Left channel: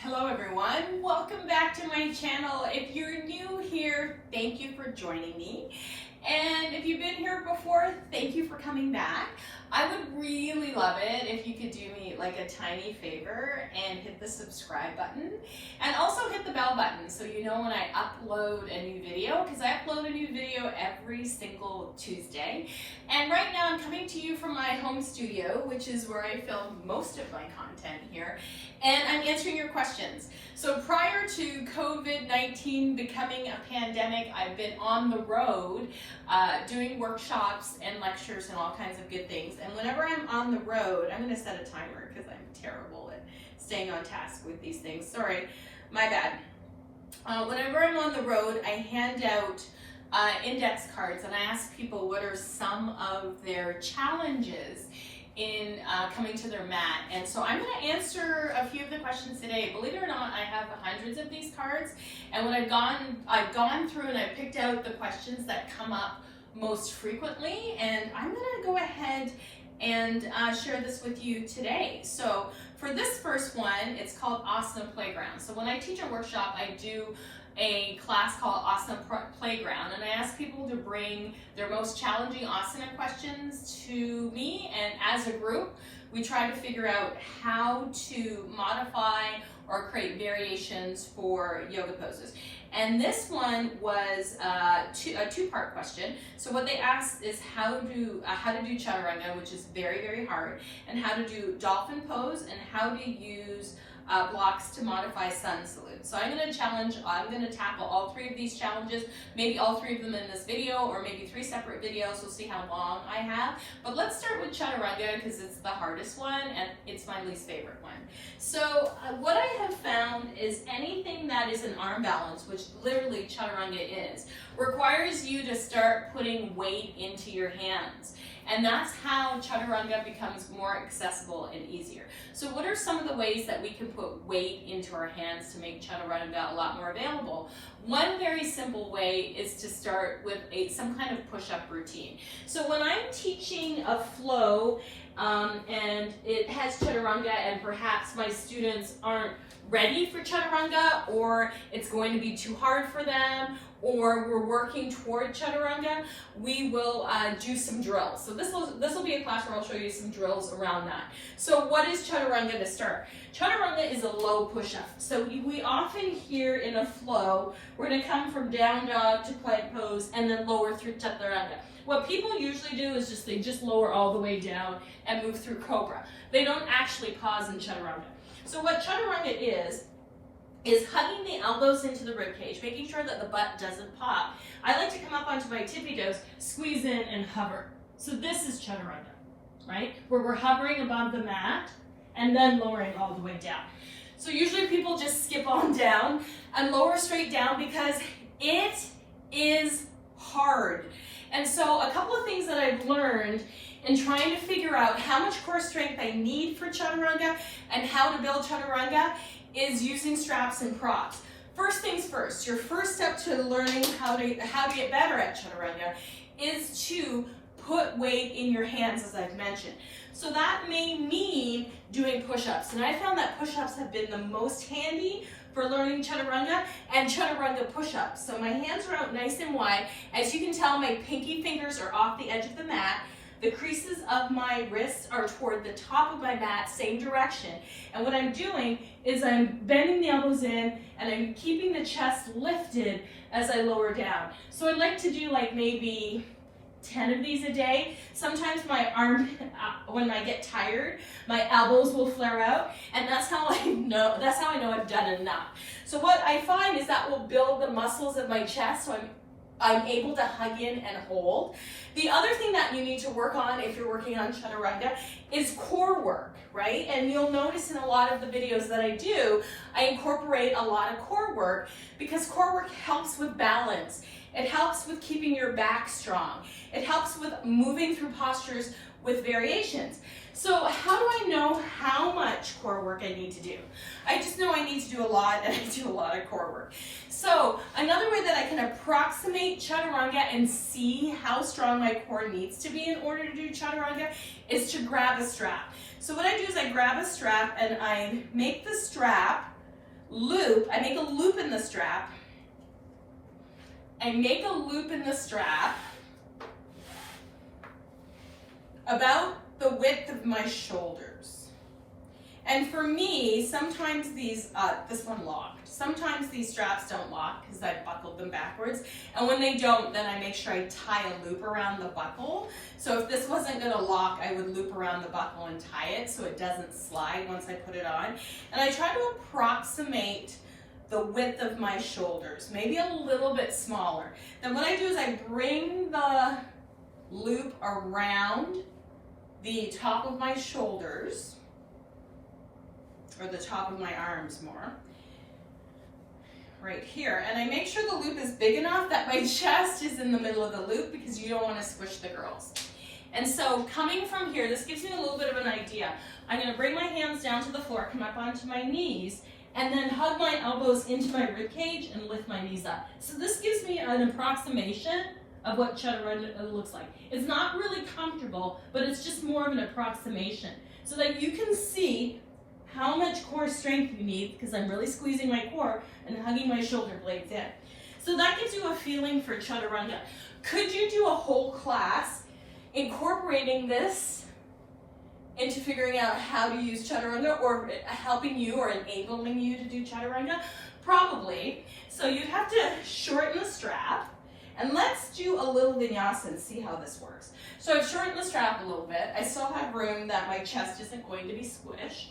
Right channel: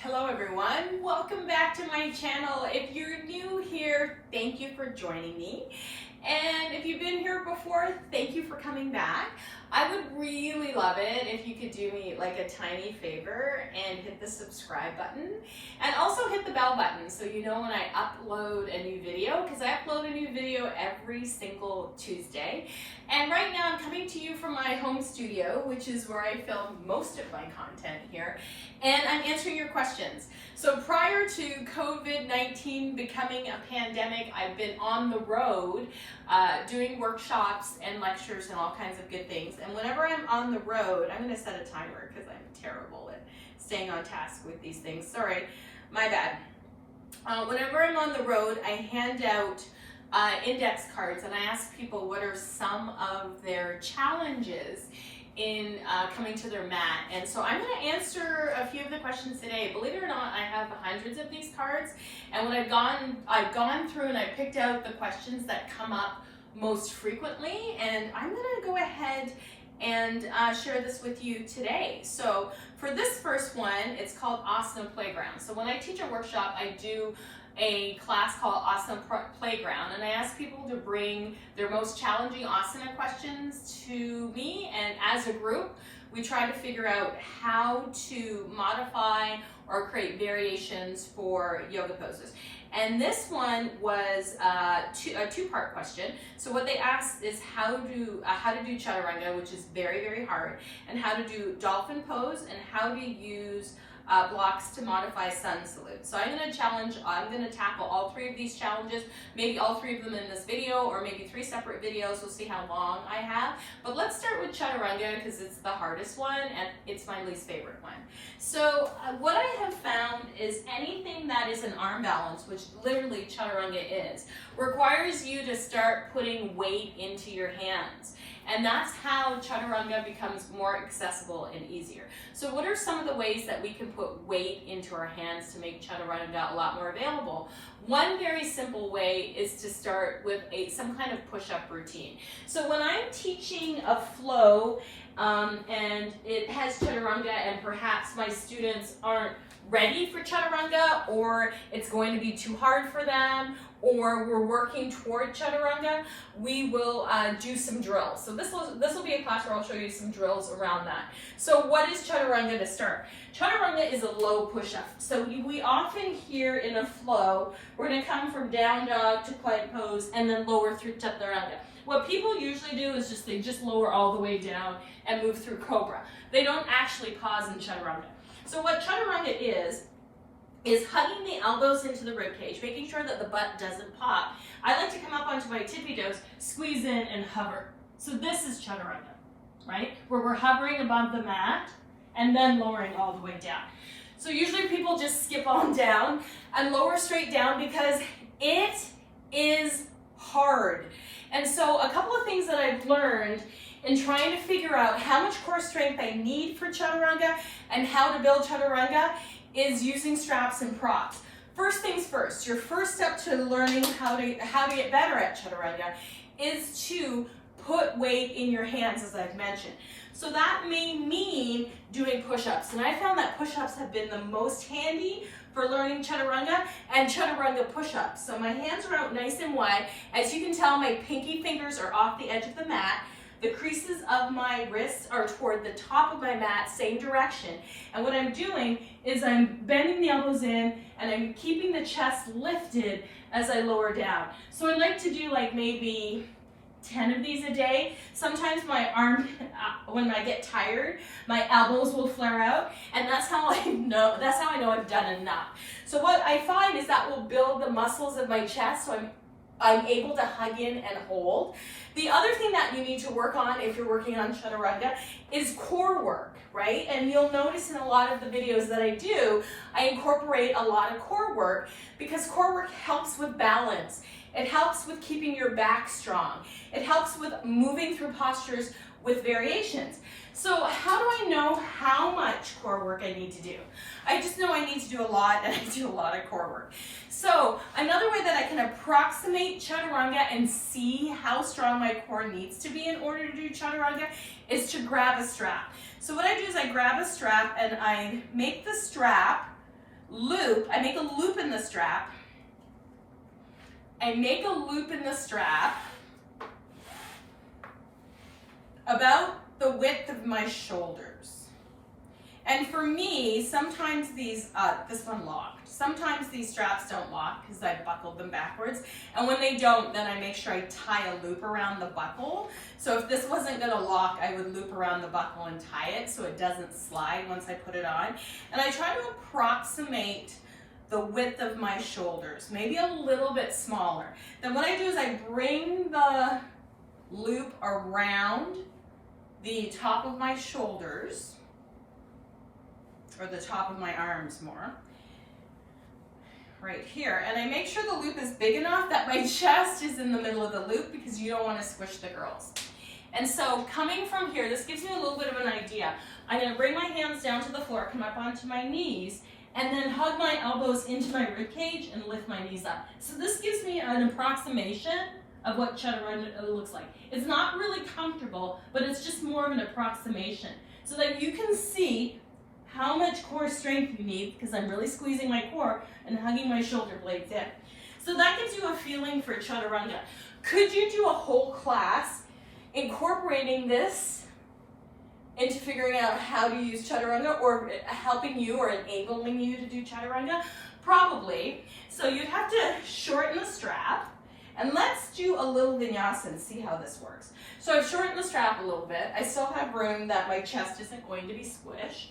Hello everyone, welcome back to my channel. If you're new here, thank you for joining me. And if you've been here before, thank you for coming back. I would really love it if you could do me like a tiny favor and hit the subscribe button and also hit the bell button so you know when I upload a new video, because I upload a new video every single Tuesday. And right now I'm coming to you from my home studio, which is where I film most of my content here, and I'm answering your questions. So prior to COVID-19 becoming a pandemic, I've been on the road doing workshops and lectures and all kinds of good things. And whenever I'm on the road, I'm gonna set a timer because I'm terrible at staying on task with these things. Sorry, my bad. Whenever I'm on the road, I hand out index cards and I ask people what are some of their challenges in coming to their mat. And so I'm going to answer a few of the questions today. Believe it or not, I have hundreds of these cards, and what I've gone through and I picked out the questions that come up most frequently, and I'm going to go ahead and share this with you today. So for this first one, it's called Asana Playground. So when I teach a workshop, I do a class called Asana Playground, and I ask people to bring their most challenging asana questions to me, and as a group we try to figure out how to modify or create variations for yoga poses. And this one was a two-part question. So what they asked is how to do Chaturanga, which is very, very hard, and how to do dolphin pose, and how to use blocks to modify sun salute. So I'm going to tackle all three of these challenges, maybe all three of them in this video, or maybe three separate videos. We'll see how long I have. But let's start with Chaturanga because it's the hardest one and it's my least favorite one. So what I have found is anything that is an arm balance, which literally Chaturanga is, requires you to start putting weight into your hands. And that's how Chaturanga becomes more accessible and easier. So what are some of the ways that we can put weight into our hands to make Chaturanga a lot more available? One very simple way is to start with some kind of push-up routine. So when I'm teaching a flow and it has Chaturanga and perhaps my students aren't ready for Chaturanga, or it's going to be too hard for them, or we're working toward Chaturanga, we will do some drills. So this will be a class where I'll show you some drills around that. So what is Chaturanga to start? Chaturanga is a low push-up. So we often hear in a flow, we're going to come from down dog to plank pose and then lower through Chaturanga. What people usually do is they just lower all the way down and move through Cobra. They don't actually pause in Chaturanga. So what Chaturanga is hugging the elbows into the rib cage, making sure that the butt doesn't pop. I like to come up onto my tippy toes, squeeze in and hover. So this is Chaturanga, right? Where we're hovering above the mat and then lowering all the way down. So usually people just skip on down and lower straight down because it is hard. And so a couple of things that I've learned in trying to figure out how much core strength I need for Chaturanga and how to build Chaturanga is using straps and props. First things first, your first step to learning how to get better at Chaturanga is to put weight in your hands, as I've mentioned. So that may mean doing push-ups, and I found that push-ups have been the most handy for learning Chaturanga and Chaturanga push-ups. So my hands are out nice and wide. As you can tell, my pinky fingers are off the edge of the mat. The creases of my wrists are toward the top of my mat, same direction. And what I'm doing is I'm bending the elbows in and I'm keeping the chest lifted as I lower down. So I like to do like maybe 10 of these a day. Sometimes my arm, when I get tired, my elbows will flare out, and that's how I know I've done enough. So what I find is that will build the muscles of my chest, so I'm able to hug in and hold. The other thing that you need to work on if you're working on Chaturanga is core work, right? And you'll notice in a lot of the videos that I do, I incorporate a lot of core work because core work helps with balance. It helps with keeping your back strong. It helps with moving through postures with variations. So how do I know how much core work I need to do? I just know I need to do a lot, and I do a lot of core work. So another way that I can approximate Chaturanga and see how strong my core needs to be in order to do Chaturanga is to grab a strap. So what I do is I grab a strap and I make the strap loop. I make a loop in the strap. I make a loop in the strap about the width of my shoulders. And for me, sometimes these, this one locked. Sometimes these straps don't lock because I buckled them backwards. And when they don't, then I make sure I tie a loop around the buckle. So if this wasn't gonna lock, I would loop around the buckle and tie it so it doesn't slide once I put it on. And I try to approximate the width of my shoulders, maybe a little bit smaller. Then what I do is I bring the loop around the top of my shoulders, or the top of my arms more, right here. And I make sure the loop is big enough that my chest is in the middle of the loop because you don't want to squish the girls. And so coming from here, this gives me a little bit of an idea. I'm going to bring my hands down to the floor, come up onto my knees, and then hug my elbows into my rib cage and lift my knees up. So this gives me an approximation of what Chaturanga looks like. It's not really comfortable, but it's just more of an approximation so that you can see how much core strength you need, because I'm really squeezing my core and hugging my shoulder blades in. So that gives you a feeling for Chaturanga. Could you do a whole class incorporating this into figuring out how to use Chaturanga, or helping you or enabling you to do Chaturanga? Probably. So you'd have to shorten the strap, and let's do a little vinyasa and see how this works. So I've shortened the strap a little bit. I still have room that my chest isn't going to be squished.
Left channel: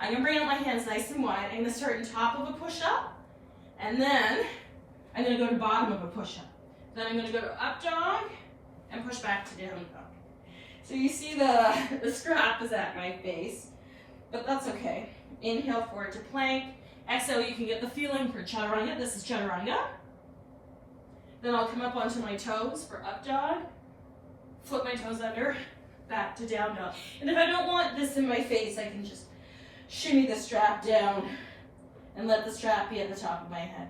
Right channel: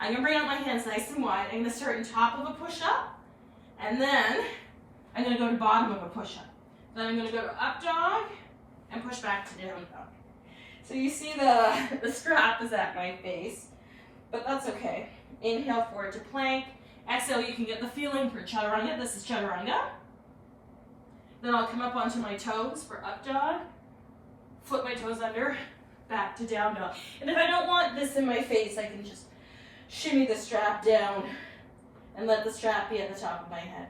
I'm gonna bring out my hands nice and wide. I'm gonna start on top of a push-up, and then I'm gonna go to bottom of a push-up. Then I'm gonna go to up dog and push back to down dog. So you see the strap is at my face, but that's okay. Inhale forward to plank. Exhale, you can get the feeling for Chaturanga. This is Chaturanga. Then I'll come up onto my toes for up dog, flip my toes under, back to down dog. And if I don't want this in my face, I can just shimmy the strap down and let the strap be at the top of my head.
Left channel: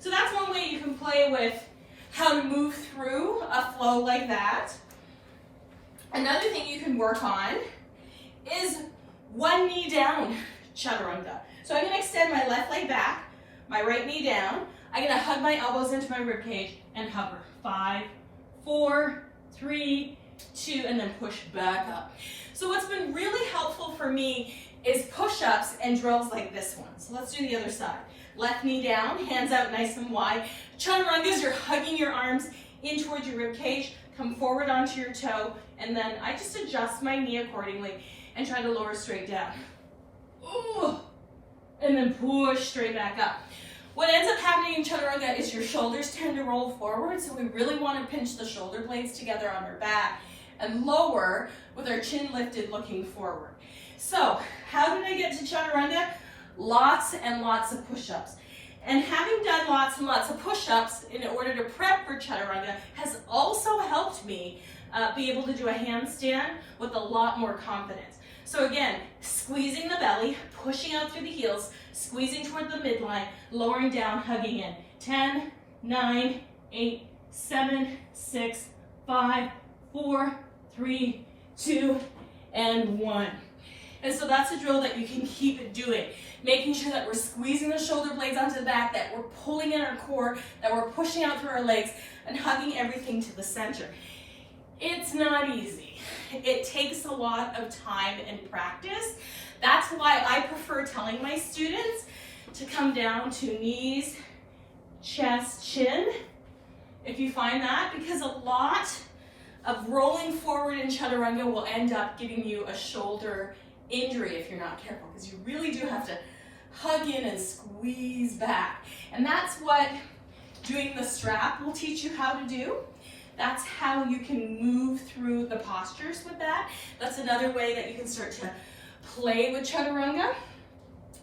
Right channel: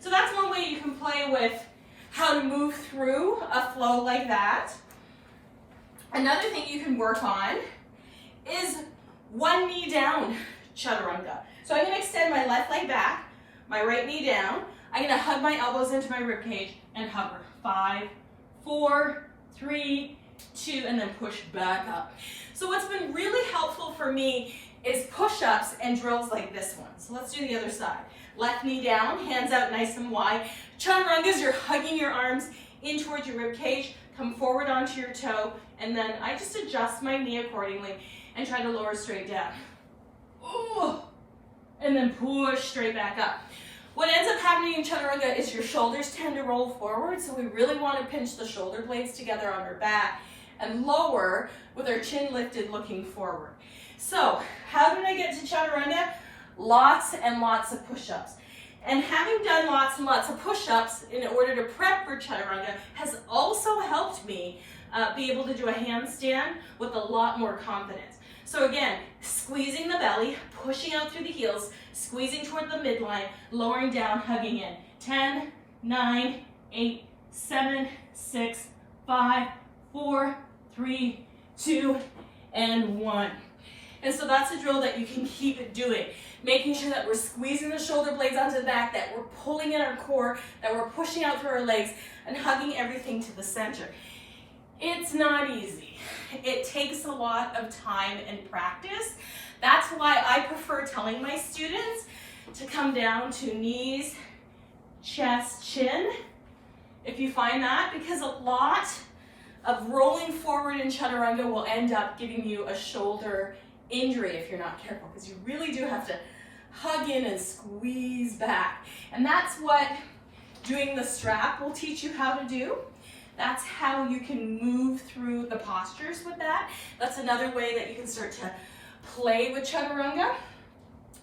So that's one way you can play with how to move through a flow like that. Another thing you can work on is one knee down Chaturanga. So I'm going to extend my left leg back, my right knee down. I'm going to hug my elbows into my rib cage and hover. 5, 4, 3, 2, and then push back up. So what's been really helpful for me is push-ups and drills like this one. So let's do the other side. Left knee down, hands out nice and wide. Chaturangas, you're hugging your arms in towards your rib cage. Come forward onto your toe, and then I just adjust my knee accordingly and try to lower straight down. Ooh. And then push straight back up. What ends up happening in Chaturanga is your shoulders tend to roll forward, so we really want to pinch the shoulder blades together on our back and lower with our chin lifted looking forward. So how did I get to Chaturanga? Lots and lots of push-ups. And having done lots and lots of push-ups in order to prep for Chaturanga has also helped me be able to do a handstand with a lot more confidence. So again, squeezing the belly, pushing out through the heels, squeezing toward the midline, lowering down, hugging in. 10, 9, 8, 7, 6, 5, 4, 3, 2, and 1. And so that's a drill that you can keep doing. Making sure that we're squeezing the shoulder blades onto the back, that we're pulling in our core, that we're pushing out through our legs, and hugging everything to the center. It's not easy. It takes a lot of time and practice. That's why I prefer telling my students to come down to knees, chest, chin, if you find that, because a lot of rolling forward in Chaturanga will end up giving you a shoulder injury if you're not careful, because you really do have to hug in and squeeze back. And that's what doing the strap will teach you how to do. That's how you can move through the postures with that. That's another way that you can start to play with Chaturanga.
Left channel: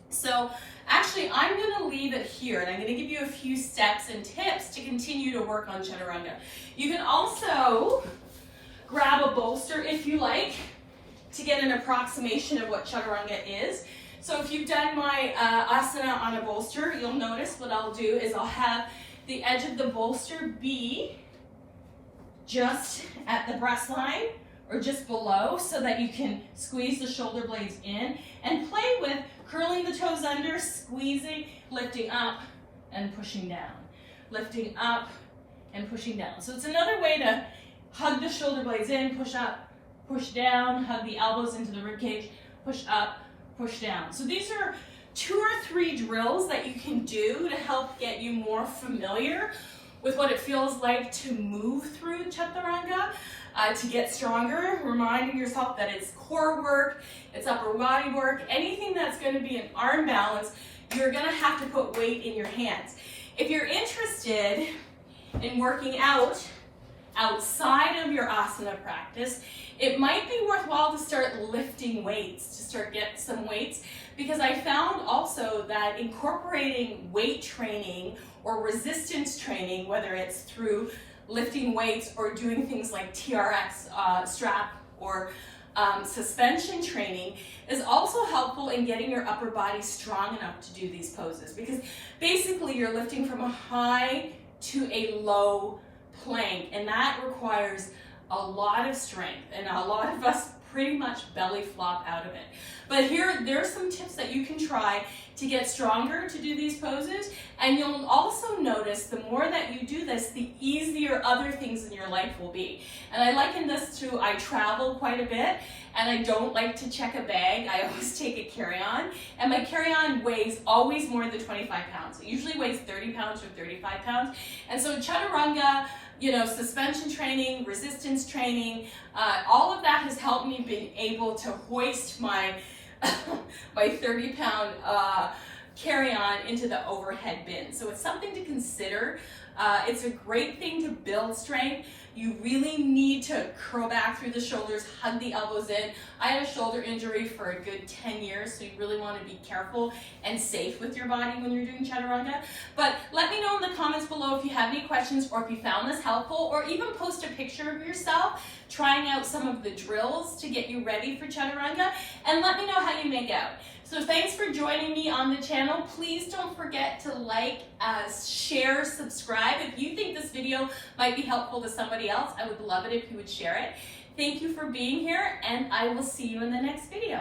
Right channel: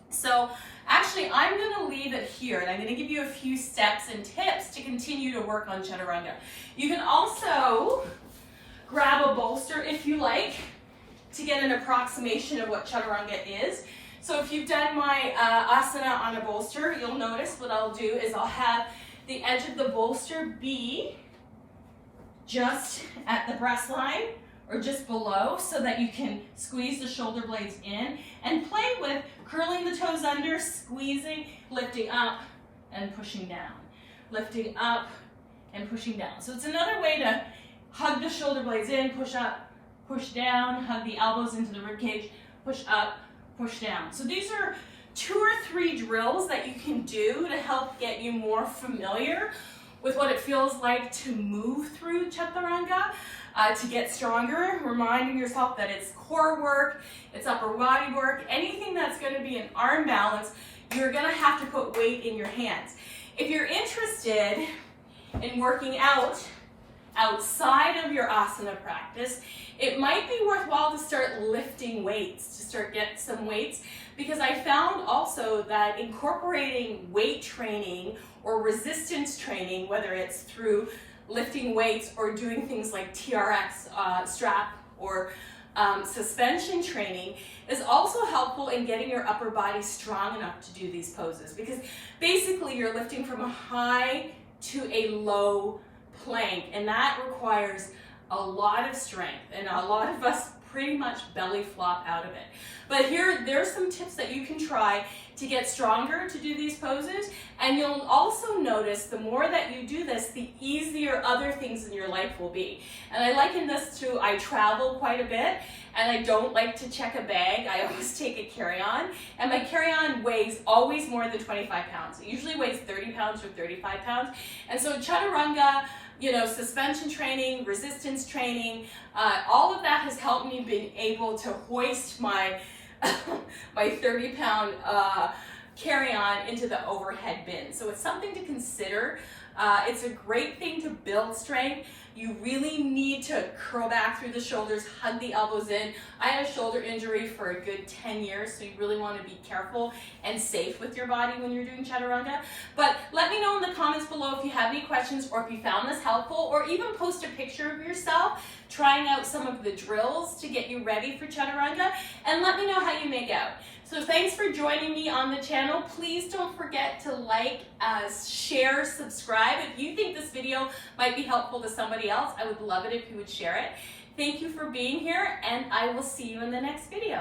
So actually, I'm going to leave it here, and I'm going to give you a few steps and tips to continue to work on Chaturanga. You can also grab a bolster if you like to get an approximation of what Chaturanga is. So if you've done my asana on a bolster, you'll notice what I'll do is I'll have the edge of the bolster be just at the breast line or just below so that you can squeeze the shoulder blades in, and play with curling the toes under, squeezing, lifting up and pushing down. Lifting up and pushing down. So it's another way to hug the shoulder blades in, push up, push down, hug the elbows into the rib cage, push up, push down. So these are 2 or 3 drills that you can do to help get you more familiar with what it feels like to move through Chaturanga, to get stronger, reminding yourself that it's core work, it's upper body work. Anything that's going to be an arm balance, you're going to have to put weight in your hands. If you're interested in working out outside of your asana practice, it might be worthwhile to start lifting weights, to start get some weights, because I found also that incorporating weight training or resistance training, whether it's through lifting weights or doing things like TRX strap or suspension training, is also helpful in getting your upper body strong enough to do these poses, because basically you're lifting from a high to a low plank, and that requires a lot of strength, and a lot of us pretty much belly flop out of it. But there's some tips that you can try to get stronger to do these poses, and you'll also notice the more that you do this, the easier other things in your life will be. And I liken this to, I travel quite a bit, and I don't like to check a bag. I always take a carry-on, and my carry-on weighs always more than 25 pounds. It usually weighs 30 pounds or 35 pounds. And so Chaturanga, suspension training, resistance training, all of that has helped me being able to hoist my 30-pound carry-on into the overhead bin. So it's something to consider. It's a great thing to build strength. You really need to curl back through the shoulders, hug the elbows in. I had a shoulder injury for a good 10 years, so you really want to be careful and safe with your body when you're doing Chaturanga. But let me know in the comments below if you have any questions, or if you found this helpful, or even post a picture of yourself trying out some of the drills to get you ready for Chaturanga, and let me know how you make out. So thanks for joining me on the channel. Please don't forget to like, share, subscribe. If you think this video might be helpful to somebody else, I would love it if you would share it. Thank you for being here, and I will see you in the next video.